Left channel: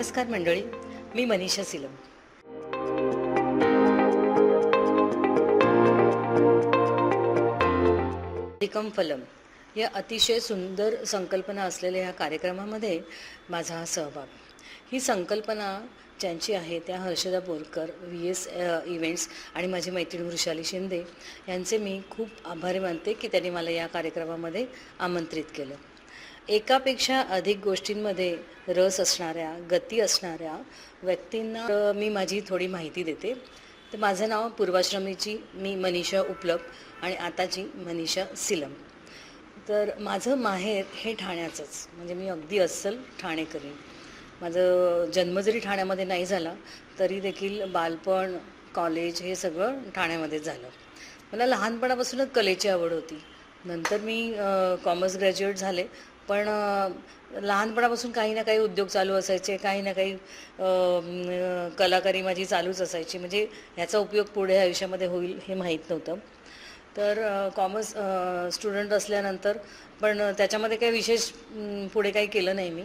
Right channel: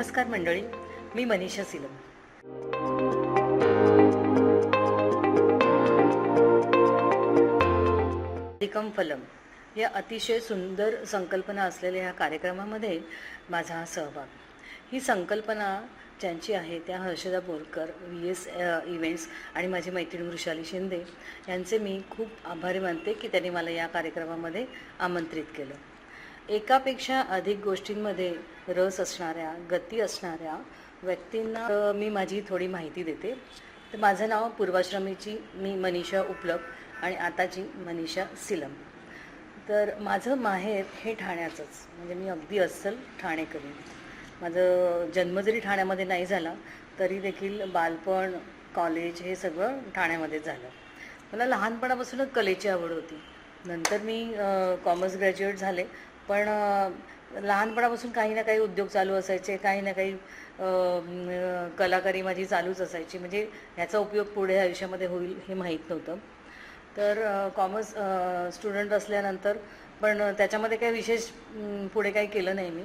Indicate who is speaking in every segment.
Speaker 1: नमस्कार मंडळी मी मनीषा सिलम. अधिकम फलम या अतिशय सुंदर संकल्पना असलेल्या ह्या कार्यक्रमामध्ये माझा हा सहभाग. ही संकल्पना ज्यांची आहे त्या Harshada Borkar V S events आणि माझी मैत्रीण वृषाली शिंदे यांचे मी खूप आभारी मानते की त्यांनी मला या कार्यक्रमामध्ये आमंत्रित केलं. एकापेक्षा अधिक गोष्टींमध्ये रस असणाऱ्या गती असणाऱ्या व्यक्तींना मी माझी थोडी माहिती देते. तर माझं नाव पूर्वाश्रमीची मी मनीषा उपलब्ध आणि आताची मनीषा सिलम. तर माझं माहेर हे ठाण्याचंच म्हणजे मी अगदी अस्सल ठाणेकरी माझं जन्म जरी ठाण्यामध्ये नाही झाला तरी देखील बालपण कॉलेज हे सगळं ठाण्यामध्येच झालं. मला लहानपणापासूनच कलेची आवड होती. नंतर मी कॉमर्स ग्रॅज्युएट झाले. पण लहानपणापासून काही ना काही उद्योग चालू असायचे काही ना काही कलाकारी माझी चालूच असायची. म्हणजे ह्याचा उपयोग पुढे आयुष्यामध्ये होईल हे माहीत नव्हतं. तर कॉमर्स स्टुडंट असल्यानंतर पण त्याच्यामध्ये काही विशेष पुढे काही केलं नाही मी.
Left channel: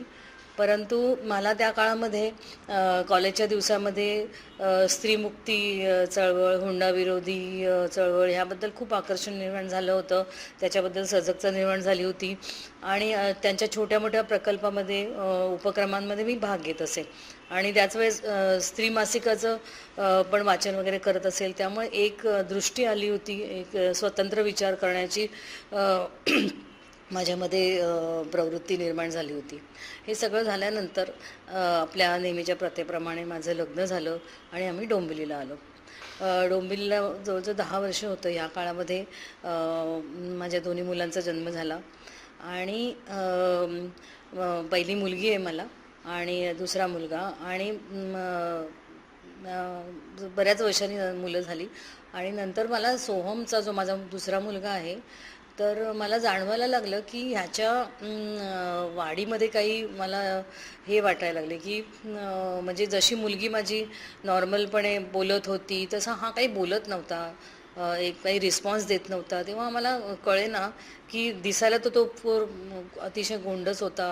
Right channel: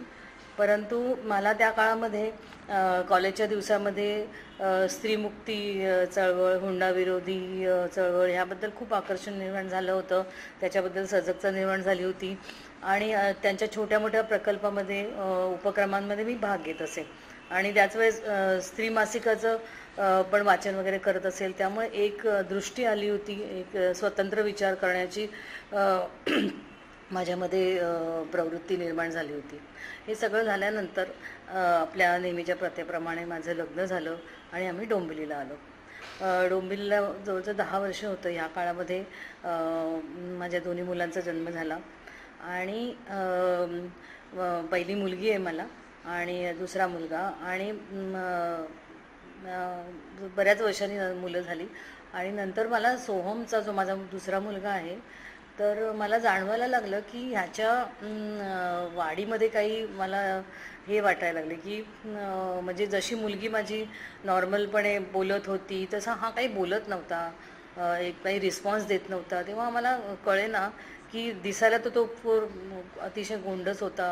Speaker 1: परंतु मला त्या काळामध्ये कॉलेजच्या दिवसामध्ये स्त्रीमुक्ती चळवळ हुंडाविरोधी चळवळ ह्याबद्दल खूप आकर्षण निर्माण झालं होतं. त्याच्याबद्दल सजगता निर्माण झाली होती. आणि त्यांच्या छोट्या मोठ्या प्रकल्पामध्ये उपक्रमांमध्ये मी भाग घेत असे. आणि त्याच वेळेस स्त्री मासिकाचं पण वाचन वगैरे करत असेल. त्यामुळे एक दृष्टी आली होती. एक स्वतंत्र विचार करण्याची माझ्यामध्ये प्रवृत्ती निर्माण झाली होती. हे सगळं झाल्यानंतर आपल्या नेहमीच्या प्रथेप्रमाणे माझं लग्न झालं आणि आम्ही डोंबिवलीला आलो. डोंबिलीला डोंबिवलीला जवळजवळ दहा वर्ष होतं. या काळामध्ये माझ्या दोन्ही मुलांचा जन्म झाला आणि पहिली मुलगी आहे मला आणि दुसरा मुलगा आणि बऱ्याच वर्षांनी मुलं झाली आणि नंतर मला सोहमचा जो माझा दुसरा मुलगा आहे तर मला जाणवायला लागलं की ह्याच्या वाढीमध्ये काही मला हे वाटायला लागले की म्हणजे जशी मुलगी माझी नॉर्मलपणे बोलत होती तसा हा काही बोलत नव्हता. एक काही रिस्पॉन्स देत नव्हता. तेव्हा आम्हाला कळे ना की दिसायला तर तो पोर अतिशय गोंडस होता.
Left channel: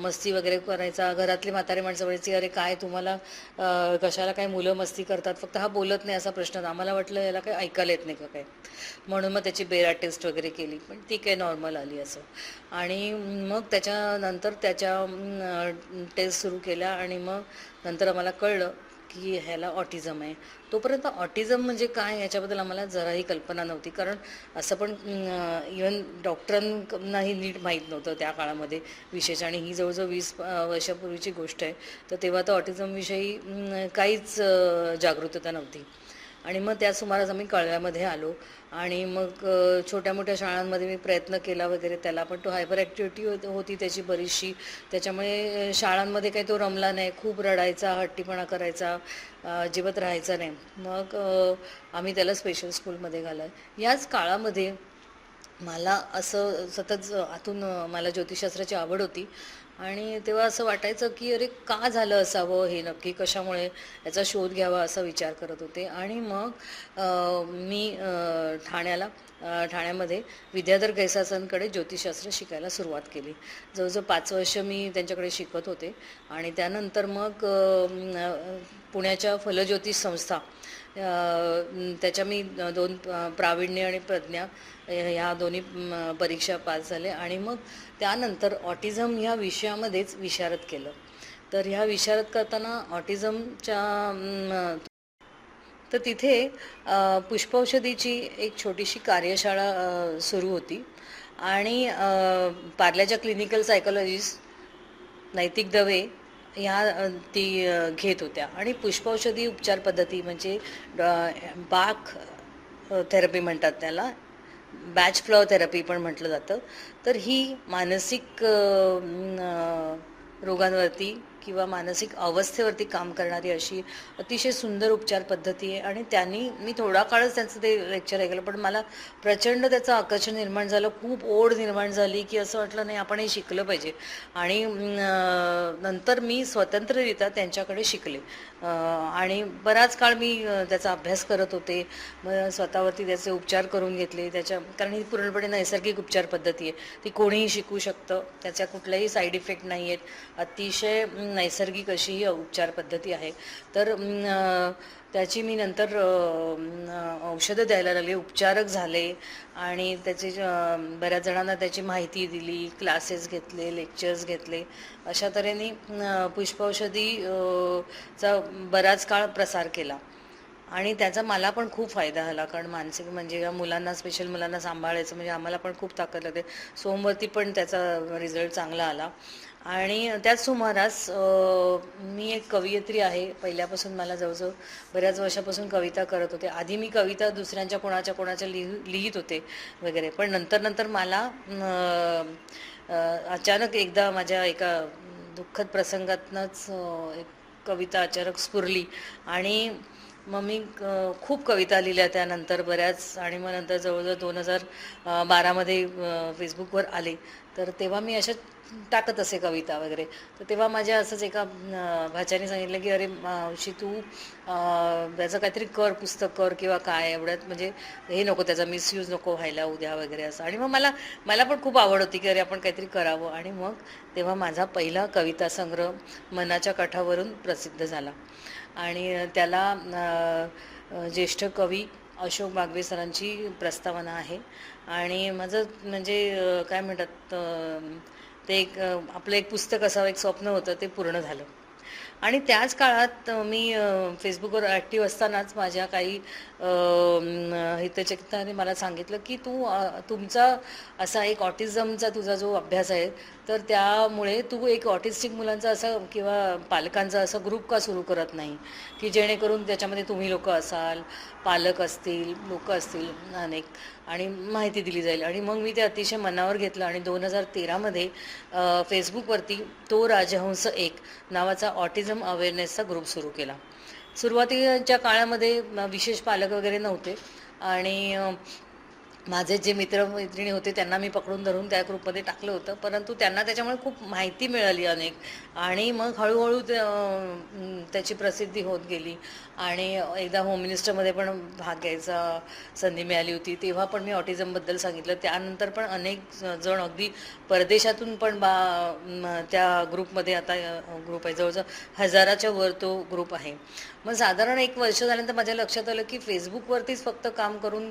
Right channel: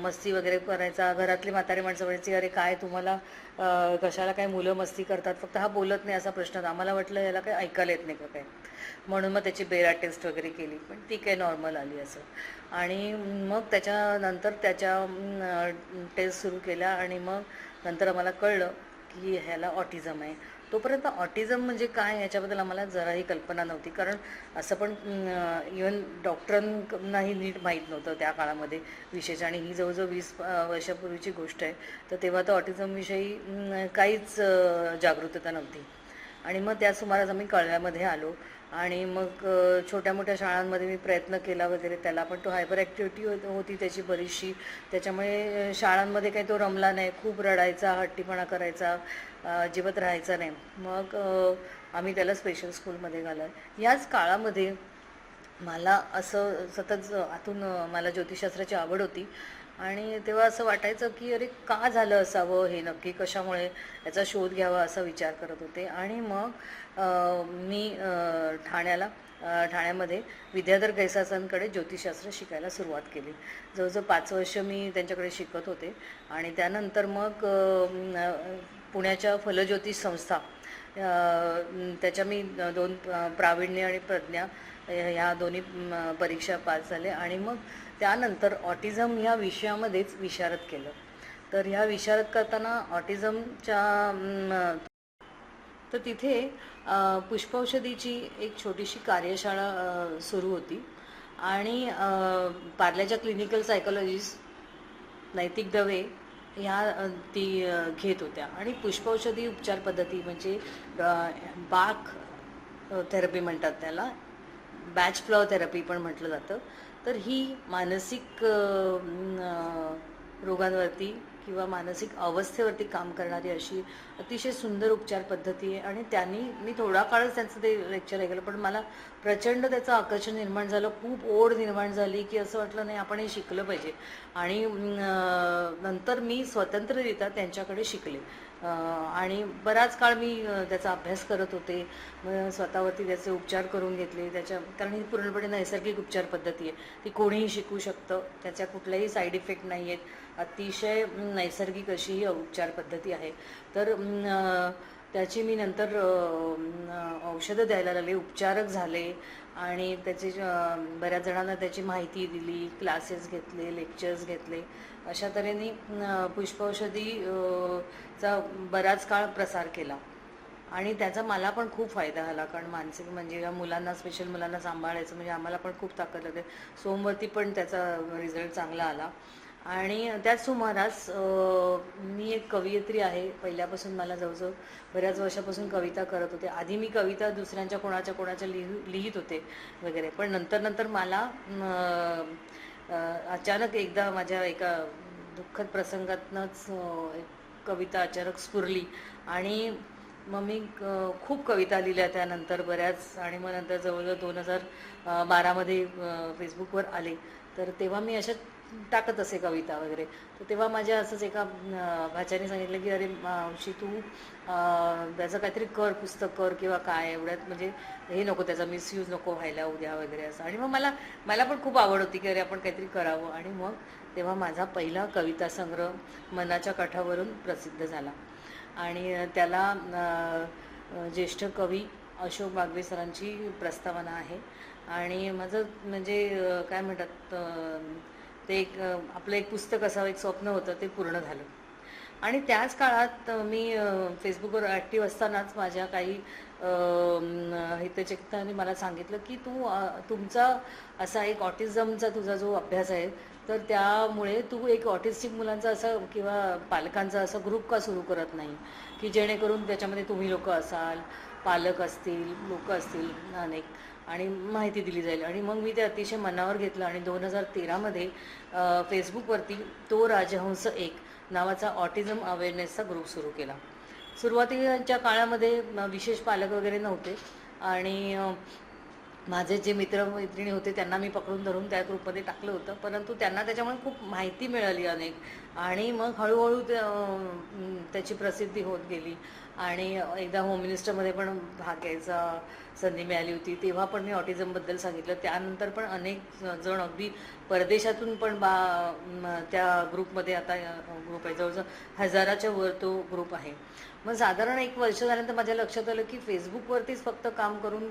Speaker 1: मस्ती वगैरे करायचा घरातली म्हातारे माणसं म्हणायची अरे काय तुम्हाला कशाला काय मुलं मस्ती करतात? फक्त हा बोलत नाही असा प्रश्न आम्हाला वाटलं याला काही ऐकायला येत नाही का काय म्हणून मग त्याची बेरा टेस्ट वगैरे केली. पण ती काय नॉर्मल आली असं. आणि मग त्याच्यानंतर त्याच्या टेस्ट सुरू केल्या आणि मग नंतर आम्हाला कळलं की ह्याला ऑटिझम आहे. तोपर्यंत ऑटिझम म्हणजे काय ह्याच्याबद्दल आम्हाला जराही कल्पना नव्हती. कारण असं पण इवन डॉक्टरांनाही नीट माहीत नव्हतं त्या काळामध्ये विशेष. आणि ही जवळजवळ वीस वर्षापूर्वीची गोष्ट आहे. तर तेव्हा तर ऑटिझमविषयी काहीच जागरूकता नव्हती. आणि मग त्या सुमारास आम्ही कळव्यामध्ये आलो. आणि मग छोट्या मोठ्या शाळांमध्ये मी प्रयत्न केला वगैरे त्याला पण तो हायपर ॲक्टिव्हिटी होत होती त्याची बरीचशी. त्याच्यामुळे शाळांमध्ये काही तो रमला नाही. खूप रडायचा हट्टीपणा करायचा जिवत अजिबात राहायचा नाही. मग आम्ही त्याला स्पेशल स्कूलमध्ये घालं याच काळामध्ये मला असं सतत आतून मला ज्योतिषशास्त्राची आवड होती. आणि तेव्हा असं वाटायचं की अरे का झालं असावं हे नक्की? कशामुळे याचा शोध घ्यावा असा विचार करत होते. आणि मग मी ठाण्याला ठाण्यामध्ये विद्याधर गैसासांकडे ज्योतिषशास्त्र शिकायला सुरुवात केली. जवळजवळ पाच वर्ष मी त्यांच्याकडे शिकत होते. आणि त्यानंतर मग पुण्याच्या फलज्योतिष संस्था त्याच्या मी दोन प्रावीण्य आणि प्रज्ञा ह्या दोन्ही परीक्षा पास झाले आणि मग त्यानंतर ऑटिझम ह्या विषयामध्येच विशारद केलं. तर ह्या विशारत करताना ऑटिझमच्या तर तिथे पुष्पौषधीची एक छोटीशी कार्यशाळा सुरू होती. आणि पार्ल्याच्या क्लिनिकल सायकोलॉजिस्ट नैतिक दवे ह्या ती घेत होत्या. आणि पुष्पौषधी उपचार पद्धती म्हणजे बाक थेरपी म्हणतात त्याला. बॅच फ्लॉ थेरपी पण म्हटलं जातं. तर ही मानसिक रोगांवरती किंवा मानसिक अवस्थेवरती काम करणारी अशी अतिशय सुंदर उपचार पद्धती आहे. आणि त्यांनी मी थोडा काळच त्यांचं ते लेक्चर ऐकलं पण मला प्रचंड त्याचं आकर्षण निर्माण झालं खूप ओढ निर्माण झाली की असं वाटलं नाही आपण हे शिकलं पाहिजे. आणि नंतर मी स्वतंत्ररित्या त्यांच्याकडे शिकले. आणि बराच काळ मी त्याचा अभ्यास करत होते. मग स्वतःवरती त्याचे उपचार करून घेतले. त्याच्या कारण ही पूर्णपणे नैसर्गिक उपचार पद्धती आहे. ती कोणीही शिकू शकतं. त्याच्या कुठल्याही साईड इफेक्ट नाही आहेत अतिशय नैसर्गिक अशी ही उपचार पद्धती आहे. तर त्याची मी नंतर औषधं द्यायला लागले. उपचारक झाले आणि त्याचे बऱ्याच जणांना त्याची माहिती दिली क्लासेस घेतले लेक्चर्स घेतले. अशा तऱ्हेने पुष्पौषधीचा बराच काळ प्रसार केला. आणि त्याचा मला पण खूप फायदा झाला कारण मानसिक म्हणजे या मुलांना स्पेशल मुलांना सांभाळायचं म्हणजे आम्हाला पण खूप ताकद लागते सोमवरती पण त्याचा रिझल्ट चांगला आला. आणि त्याच सुमारास मी एक कवयित्री आहे. पहिल्यापासून मला जवळजवळ बऱ्याच वर्षापासून कविता करत होते. आधी मी कविता दुसऱ्यांच्या कोणाच्या कोणाच्या लिहू लिहित होते वगैरे. पण नंतर नंतर मला अचानक एकदा माझ्या एका दुःखद प्रसंगातनंच एक कविता अचानक स्फुरली. आणि मग मी खूप कविता लिहिल्या त्यानंतर बऱ्याच. आणि मग नंतर जवळजवळ दोन हजार बारामध्ये फेसबुकवर आले. तर तेव्हा मी अशा टाकत असे कविता वगैरे. तर तेव्हा माझ्या असंच एका भाच्याने सांगितलं की अरे मावशी तू त्याचं काहीतरी कर पुस्तक कर किंवा काय एवढ्यात म्हणजे हे नको त्याचा मिसयूज नको व्हायला उद्या वगैरे असं. आणि मग मला मला पण खूप आवड होती की अरे आपण काहीतरी करावं. आणि मग तेव्हा माझा पहिला कविता संग्रह मनाच्या काठावरून प्रसिद्ध झाला. आणि त्याला ज्येष्ठ कवी अशोक बागवे सरांची प्रस्तावना आहे. आणि माझं म्हणजे काय म्हणतात ते एक आपलं एक पुस्तक असावं एक स्वप्न होतं ते पूर्ण झालं. आणि त्याच काळात मी फेसबुकवर ॲक्टिव्ह असतानाच माझ्या काही अ, मला सांगितलं की तू तुमचा असा एक ऑटिझमचा तुझा जो अभ्यास आहे तर त्यामुळे तू एक ऑटिस्टिक मुलांचा असा किंवा पालकांचा असा ग्रुप का सुरू करत नाही? की जेणेकरून त्याच्यामध्ये तुम्ही लोक असाल पालक असतील लोक असतील अनेक आणि माहिती दिली जाईल. आणि मग मी ते अतिशय मनावर घेतलं आणि दोन हजार तेरामध्ये फेसबुकवरती तो राजहंस एक नावाचा ऑटिझम अवेअरनेसचा ग्रुप सुरू केला. सुरुवातीच्या काळामध्ये विशेष पालक वगैरे नव्हते. आणि माझे जे मित्र मैत्रिणी होते त्यांना मी पकडून धरून त्या ग्रुपमध्ये टाकलं होतं. परंतु त्यांना त्याच्यामुळे खूप माहिती मिळाली अनेक. आणि मग हळूहळू त्याची प्रसिद्धी होत गेली. आणि एकदा होम मिनिस्टरमध्ये पण भाग घ्यायचा संधी मिळाली होती. तेव्हा पण मी ऑटिझमबद्दल सांगितलं. त्यानंतर पण अनेक जण अगदी परदेशातून पण बा त्या ग्रुपमध्ये आता ग्रुप आहे. जवळजवळ हजाराच्या वर तो ग्रुप आहे. मग साधारण एक वर्ष झाल्यानंतर माझ्या लक्षात आलं की फेसबुकवरतीच फक्त काम करून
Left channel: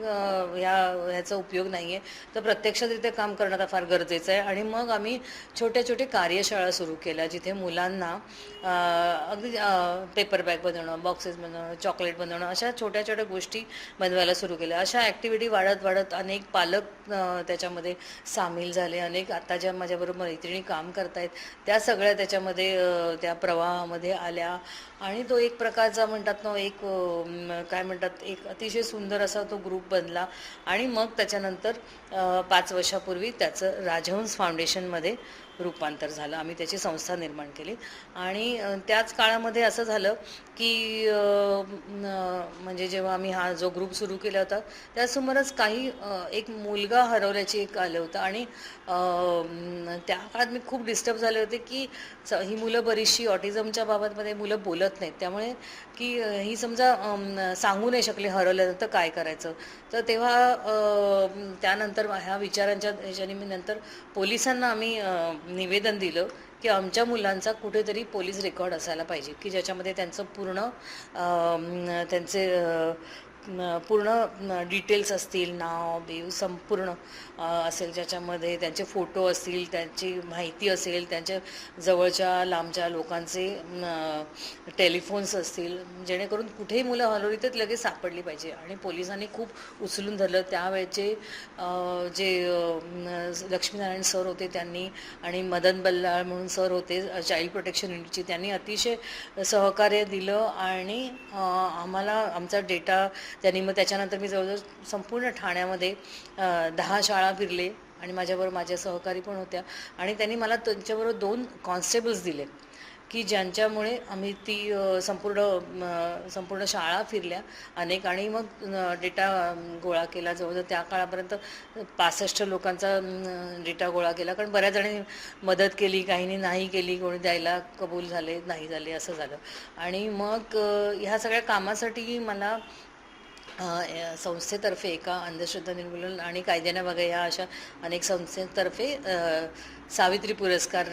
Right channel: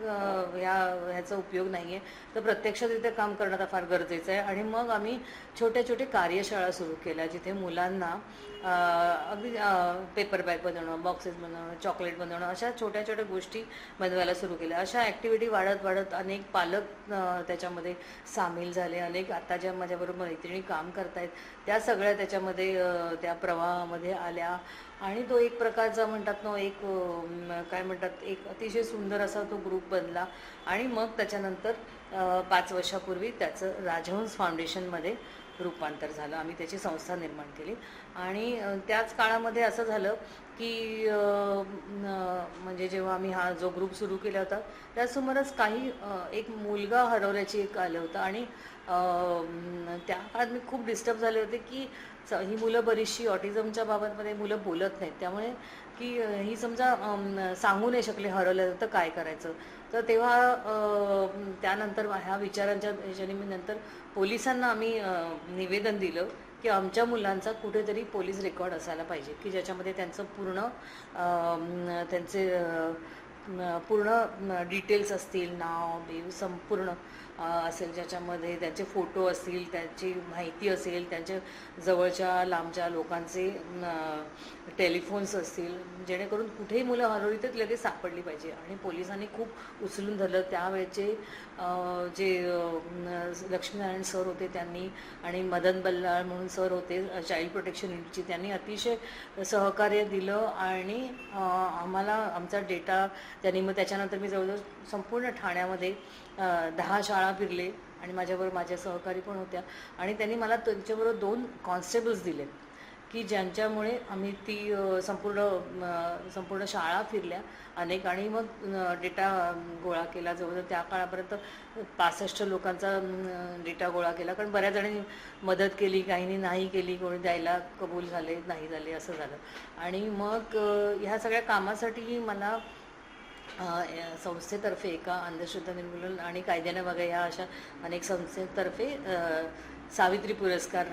Speaker 1: ह्या ह्याचा उपयोग नाही आहे तर प्रत्यक्षरित्या काम करणं आता फार गरजेचं आहे. आणि मग आम्ही छोट्या छोट्या कार्यशाळा सुरू केल्या जिथे मुलांना अगदी पेपर बॅग बनवणं बॉक्सेस बनवणं चॉकलेट बनवणं अशा छोट्या छोट्या गोष्टी बनवायला सुरू केल्या. अशा ॲक्टिव्हिटी वाढत वाढत अनेक पालक त्याच्यामध्ये सामील झाले. अनेक आता ज्या माझ्याबरोबर मैत्रिणी काम करतायत त्या सगळ्या त्याच्यामध्ये त्या प्रवाहामध्ये आल्या. आणि तो एक प्रकारचा म्हणतात ना एक काय म्हणतात एक अतिशय सुंदर असा तो ग्रुप बनला. आणि मग त्याच्यानंतर पाच वर्षापूर्वी त्याचं राजहंस फाउंडेशनमध्ये रूपांतर झालं. आम्ही त्याची संस्था निर्माण केली. आणि त्याच काळामध्ये असं झालं की म्हणजे जेव्हा आम्ही हा जो ग्रुप सुरू केला होता त्यासमोरच काही एक मुलगा हरवल्याची एक आलं होतं. आणि त्या काळात मी खूप डिस्टर्ब झाले होते की ही मुलं बरीचशी ऑटिझमच्या बाबतमध्ये मुलं बोलत नाहीत. त्यामुळे की ही समजा सांगू नाही शकले हरवलं तर काय करायचं? तर तेव्हा त्यानंतर ह्या विचारांच्या ह्याच्याने मी नंतर पोलिसांना आम्ही निवेदन दिलं. की आमच्या मुलांचा कुठेतरी पोलीस रेकॉर्ड असायला पाहिजे की ज्याच्यामध्ये त्यांचं पूर्ण त्यांचे पूर्ण डिटेल्स असतील नाव देव संपूर्ण असेल ज्याच्यामध्ये त्यांचे फोटो असतील त्यांची माहिती असेल त्यांच्या जवळच्या लांबच्या लोकांचे टेलिफोन्स असतील जेणेकरून कुठेही मुलं हलवली तर लगेच सापडली पाहिजे. आणि पोलिसांनी खूप उचलून धरलं. त्यावेळचे जे लक्ष्मीनारायण सर होते त्यांनी आणि मदन बल्लाळ म्हणून सर होते चाइल्ड प्रोटेक्शन युनिटची त्यांनी अतिशय सहकार्य दिलं आणि आम्हाला आमचा डेटा त्यांनी मग त्याच्यानंतर मी जवळजवळ संपूर्ण ठाण्यामध्ये दहा शाळा फिरले आणि माझ्याबरोबर माझ्या सहकारी पण होत्या आणि त्यांनी मला त्यांच्याबरोबर दोन कॉन्स्टेबल्स दिले की ज्यांच्यामुळे आम्ही ती संपूर्ण संपूर्ण शाळा फिरल्या. अनेक आणि मग डेटा गोळा केला जवळजवळ त्या काळापर्यंत पासष्ट लोकांचा डेटा गोळा केला. कारण बऱ्याच जणी मदत केली काहींनी नाही केली कोणी द्यायला कबूल झाले नाही झाले असं झालं. आणि मग ह्या सगळ्या कामासाठी मला संस्थेतर्फे एका अंधश्रद्धा निर्मूलन आणि कायद्याने बघा या अशा अनेक संस्थेतर्फे सावित्री पुरस्कार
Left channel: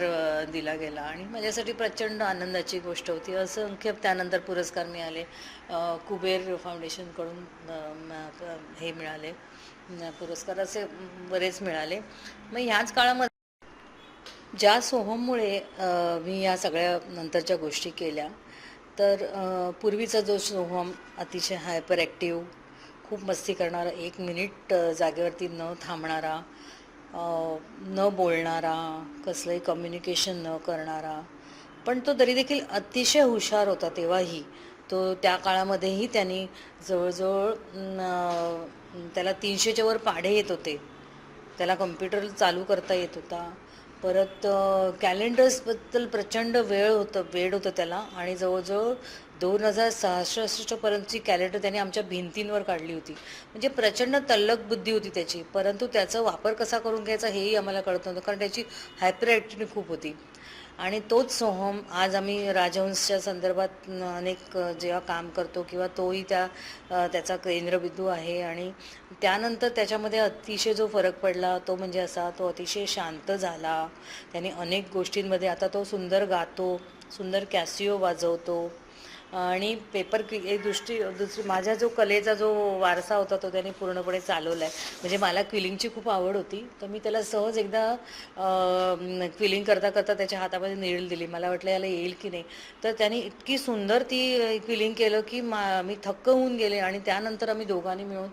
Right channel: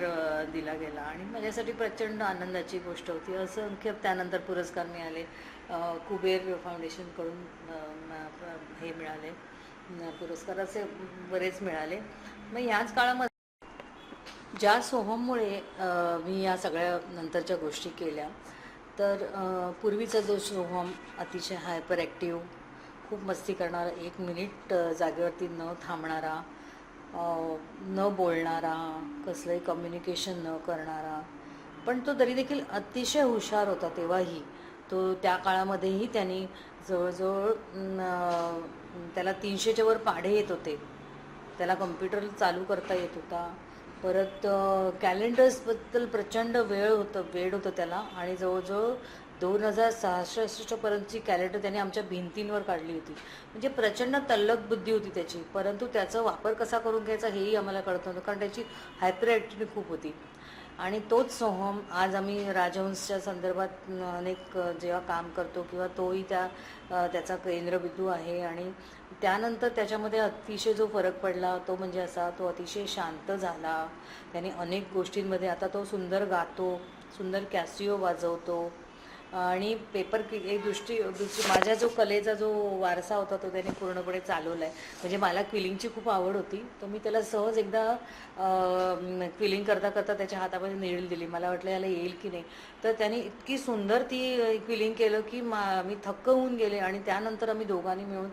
Speaker 1: दिला गेला. आणि माझ्यासाठी प्रचंड आनंदाची गोष्ट होती. असंख्य त्यानंतर पुरस्कार मिळाले. कुबेर फाउंडेशनकडून हे मिळाले. पुरस्कार असे बरेच मिळाले. मग ह्याच काळामध्ये ज्या सोहममुळे मी या सगळ्या नंतरच्या गोष्टी केल्या तर पूर्वीचा जो सोहम अतिशय हायपर ॲक्टिव्ह खूप मस्ती करणारा एक मिनिट जागेवरती न थांबणारा न बोलणारा कसलंही कम्युनिकेशन न करणारा पण तो तरी देखील अतिशय हुशार होता तेव्हाही. तो त्या काळामध्येही त्यांनी जवळजवळ त्याला तीनशेच्या वर पाढे येत होते. त्याला कम्प्युटर चालू करता येत होता. परत कॅलेंडर्सबद्दल प्रचंड वेळ होतं वेळ होतं त्याला. आणि जवळजवळ दोन हजार सहासष्टपर्यंतची कॅलेंडर त्याने आमच्या भिंतींवर काढली होती. म्हणजे प्रचंड तल्लक बुद्धी होती त्याची. परंतु त्याचा वापर कसा करून घ्यायचा हेही आम्हाला कळत नव्हतं कारण त्याची हायपर ॲक्टिव्हिटी खूप होती. आणि तोच सोहम आज आम्ही राजहंसच्या संदर्भात अनेक जेव्हा काम करतो किंवा तोही त्या त्याचा केंद्रबिंदू आहे. आणि त्यानंतर त्याच्यामध्ये अतिशय जो फरक पडला तो म्हणजे असा तो अतिशय शांत झाला. त्याने अनेक गोष्टींमध्ये आता तो सुंदर गातो सुंदर कॅसिओ वाजवतो. आणि पेपर क्वि एक दृष्टी दुसरी माझा जो कलेचा जो वारसा होता तो त्याने पूर्णपणे चालवला आहे म्हणजे मला क्विलिंगची खूप आवड होती. तर मी त्याला सहज एकदा क्विलिंग करता करता त्याच्या हातामध्ये नीळ दिली. मला वाटलं याला येईल की नाही. तर त्याने इतकी सुंदर ती क्विलिंग केलं की मा मी थक्क होऊन गेले. आणि त्यानंतर आम्ही दोघांनी मिळून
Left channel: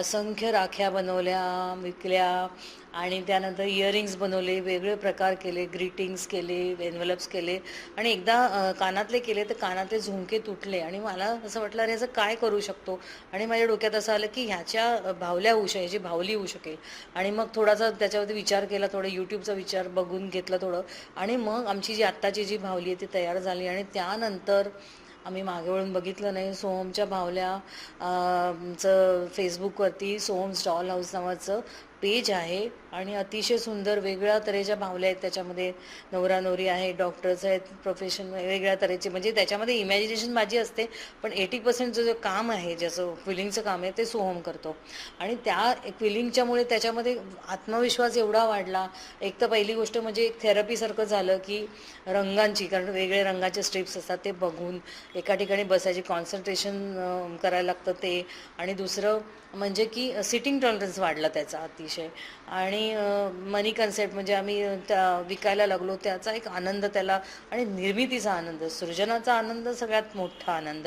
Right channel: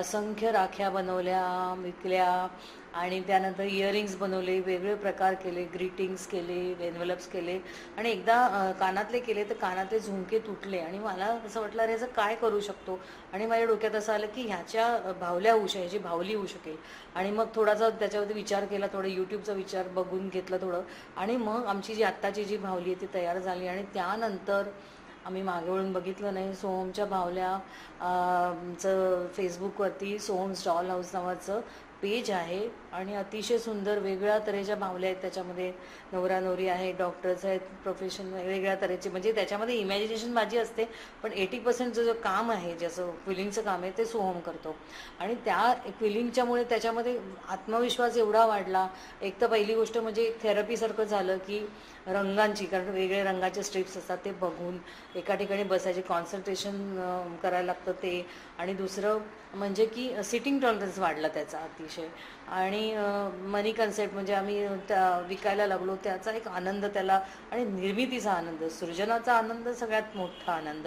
Speaker 1: असंख्य राख्या बनवल्या विकल्या. आणि त्यानंतर इयरिंग्स बनवले वेगळे प्रकार केले ग्रीटिंग्स केले एनव्हलप्स केले. आणि एकदा कानातले केले तर कानातले झुमके तुटले. आणि मला असं वाटलं अरे ह्याचं काय करू शकतो? आणि माझ्या डोक्यात असं आलं की ह्याच्या भावल्या होऊ शकेल ह्याची भावली होऊ शकेल. आणि मग थोडासा त्याच्यावरती विचार केला थोडं यूट्यूबचा विचार बघून घेतला थोडं. आणि मग आमची जी आत्ताची जी भावली आहे ती तयार झाली. आणि त्यानंतर आम्ही मागे वळून बघितलं नाही. सोहमच्या भावल्या चं फेसबुकवरती सोहम्स स्टॉल हाऊस नावाचं पेज आहे. आणि अतिशय सुंदर वेगळ्या तऱ्हेच्या भावल्या आहेत त्याच्यामध्ये. नवरा नवरी आहे डॉक्टर्स आहेत प्रोफेशन वेगळ्या तऱ्हेचे. म्हणजे त्याच्यामध्ये इमॅजिनेशन माझी असते पण एटी पर्सेंट जो जो काम आहे ज्याचं क्विलिंगचं काम आहे ते सोहम करतो. आणि त्या क्विलिंगच्यामुळे त्याच्यामध्ये आत्मविश्वास एवढा वाढला. एक तर पहिली गोष्ट म्हणजे एक थेरपीसारखं झालं की रंगांची कारण वेगळे रंगाचे स्ट्रिप्स असतात ते बघून एका ठिकाणी बसायची कॉन्सन्ट्रेशन करायला लागतं ते. आणि दुसरं म्हणजे की सिटिंग टॉलरन्स वाढला त्याचा अतिशय. आणि मनी कन्सेप्ट म्हणजे आम्ही त्या विकायला लागलो. त्याचा एक आनंद त्याला आणि निर्मितीचा आनंद सृजनाचा आनंद सगळ्यात मोठा आनंद.